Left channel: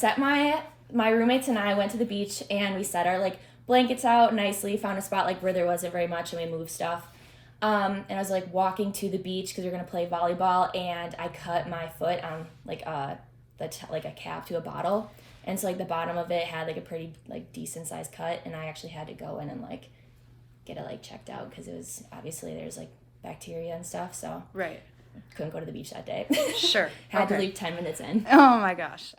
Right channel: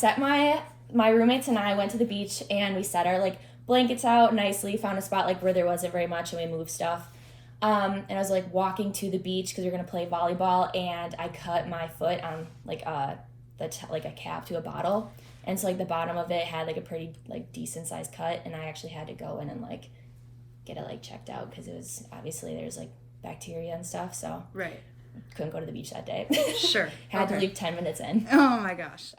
set my roommates and I went to the beach, and we set our like blankets out nicely, found a spot like where there wasn't very much, and we moved stuff. And I was like walking to the beach because we were gonna play volleyball, and I cut my foot on like like a cap to a bottle, and so like the bottom of it had like a pretty like decent sized cut, and I actually had to go in and like get it like checked out because it was obviously there's like bacteria and stuff, so right, couldn't go to the beach that day. Sure. Had to leave 10 minutes in. Oh my gosh.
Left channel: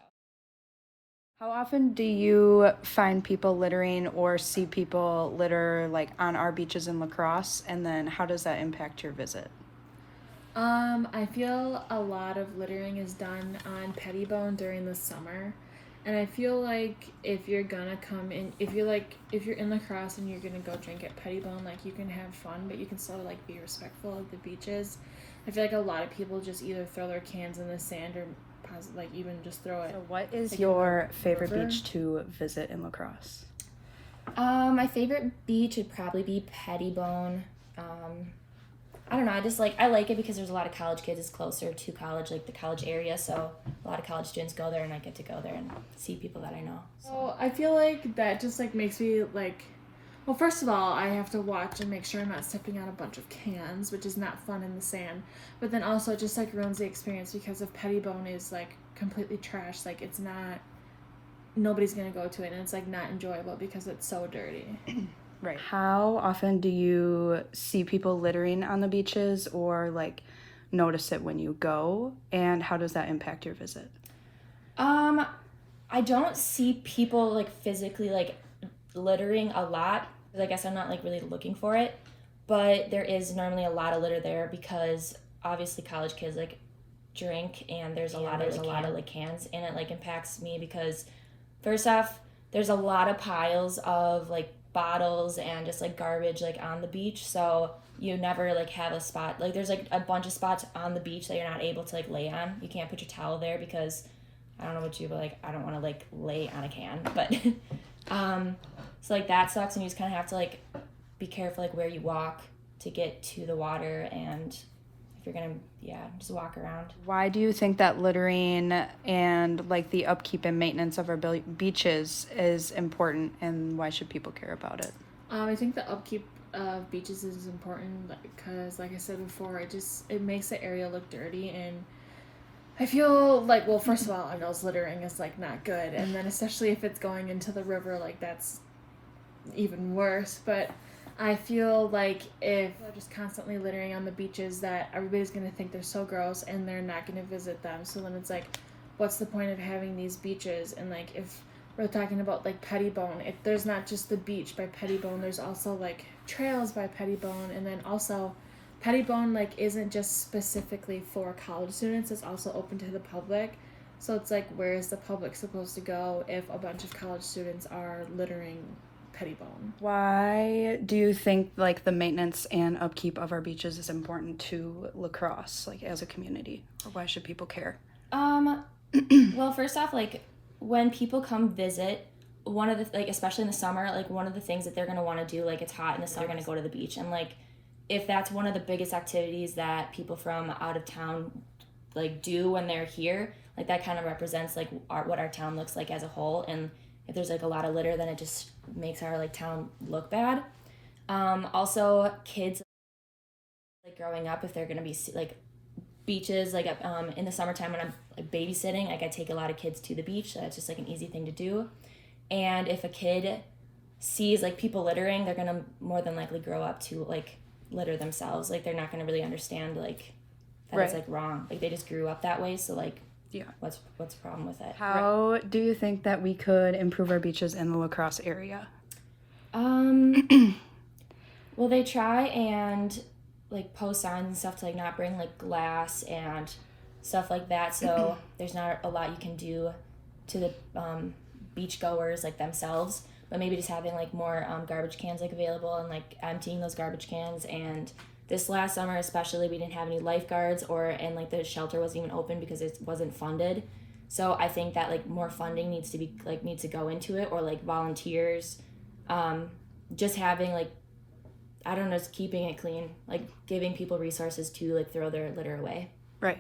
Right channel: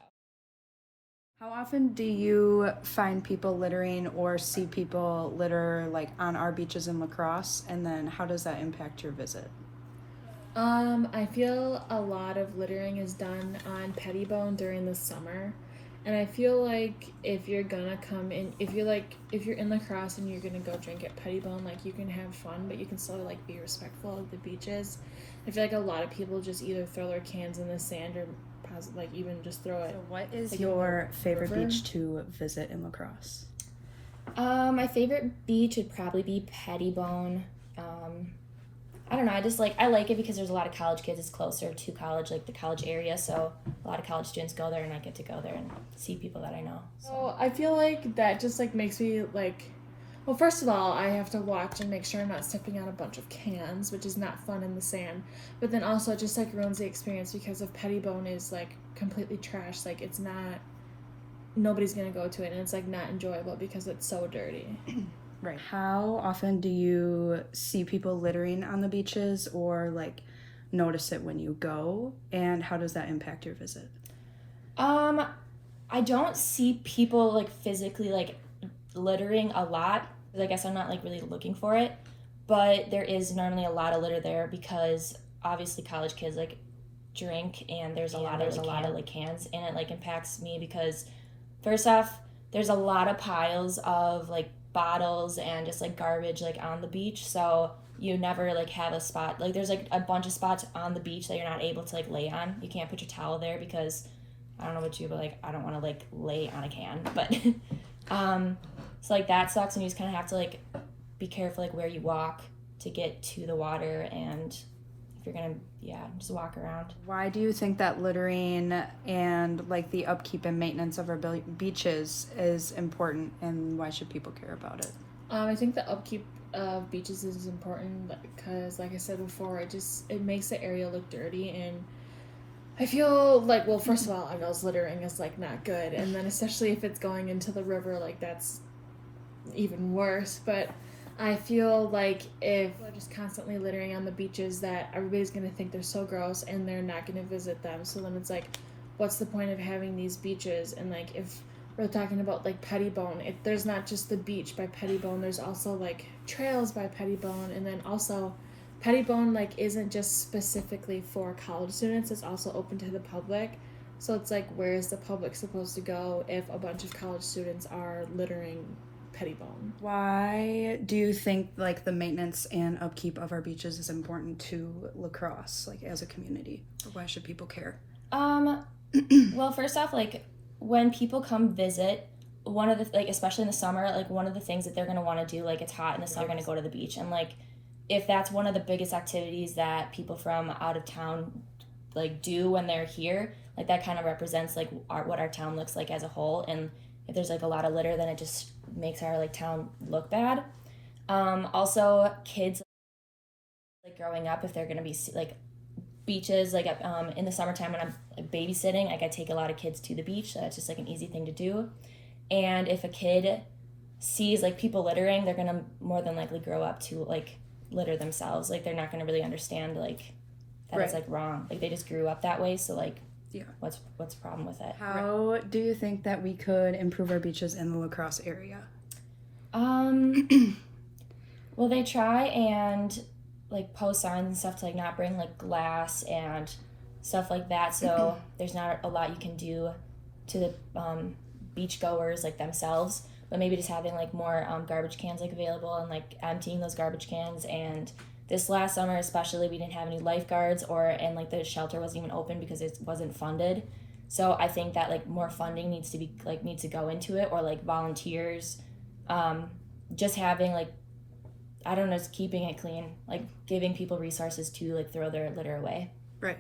How often do you find people littering or see people litter like on our beaches in La Crosse, and then how does that impact your visit? I feel a lot of littering is done on Pettibone during the summer. And I feel like if you're gonna come in, if you're in La Crosse and you're gonna go drink at Pettibone, like you can have fun, but you can still like be respectful of the beaches. I feel like a lot of people just either throw their cans in the sand or like even just throw it. So what is like your favorite river? beach to visit in La Crosse? My favorite beach would probably be Pettibone. I don't know, I like it because there's a lot of college kids. It's closer to college, like the college area, so a lot of college students go there, and I get to go there and see people that I know. So I feel like that just like makes me like, well, first of all, I have to watch and make sure I'm not stepping on a bunch of cans, which is not fun in the sand. But then also it just like ruins the experience because if Pettibone is like completely trash, like it's not, nobody's gonna go to it, and it's like not enjoyable because it's so dirty. Right. How often do you see people littering on the beaches or like notice it when you go, and how does that impact your visit? I don't see people like physically like littering a lot. I guess I'm not like really looking for it, but there is normally a lot of litter there because obviously college kids like drink, and there's a lot of like cans, and it like impacts me because first off, there's a lot of piles of like bottles and just like garbage like on the beach, so you never like have a spot, like there's like a bunch of spots on the beach that you're not able to like lay on. You can't put your towel there because I don't know about you, but like I don't want to like lay on a can, but so like that sucks, and you just kind of have to like be careful like where you walk to get to the water, and if you're gonna just walk around. Why do you think that littering and like the upkeep and maintenance of our beaches is important, and why should people care about it? I think the upkeep of beaches is important because, like I said before, it makes the area look dirty, and I feel like, well, first of all, I know littering is like not good, and then especially if it's going into the river, like that's even worse. But I feel like if they're just constantly littering on the beaches, that everybody's going to think they're so gross and they're not going to visit them. So then it's like, what's the point of having these beaches? And like if we're talking about like Pettibone, if there's not just the beach by Pettibone, there's also like trails by Pettibone, and then also Pettibone like isn't just specifically for college students, it's also open to the public. So it's like, where is the public supposed to go if a bunch of college students are littering Pettibone? Why do you think like the maintenance and upkeep of our beaches is important to La Crosse, like as a community? Or why should people care? Well, first off, like when people come visit, one of the like especially in the summer, like one of the things that they're gonna want to do, like it's hot in the summer, they're gonna go to the beach, and like if that's one of the biggest activities that people from out of town like do when they're here, like that kind of represents like what our town looks like as a whole. And if there's like a lot of litter, then it just makes our like town look bad. Also kids like growing up, if they're gonna be like beaches, like in the summertime when I'm like babysitting, like I take a lot of kids to the beach. So that's just like an easy thing to do. And if a kid sees like people littering, they're gonna more than likely grow up to like litter themselves. Like they're not gonna really understand like that it's like wrong. Like they just grew up that way, so like what's the problem with it? How do you think that we could improve our beaches in the La Crosse area? Well, they try and like post signs and stuff to like not bring like glass and stuff like that, so there's not a lot you can do to the beach goers like themselves, but maybe just having like more garbage cans like available and like emptying those garbage cans. And this last summer especially, we didn't have any lifeguards, and like the shelter wasn't even open because it wasn't funded. So I think that like more funding needs to go into it, or like volunteers, just having like, I don't know, just keeping it clean, like giving people resources to like throw their litter away. Right.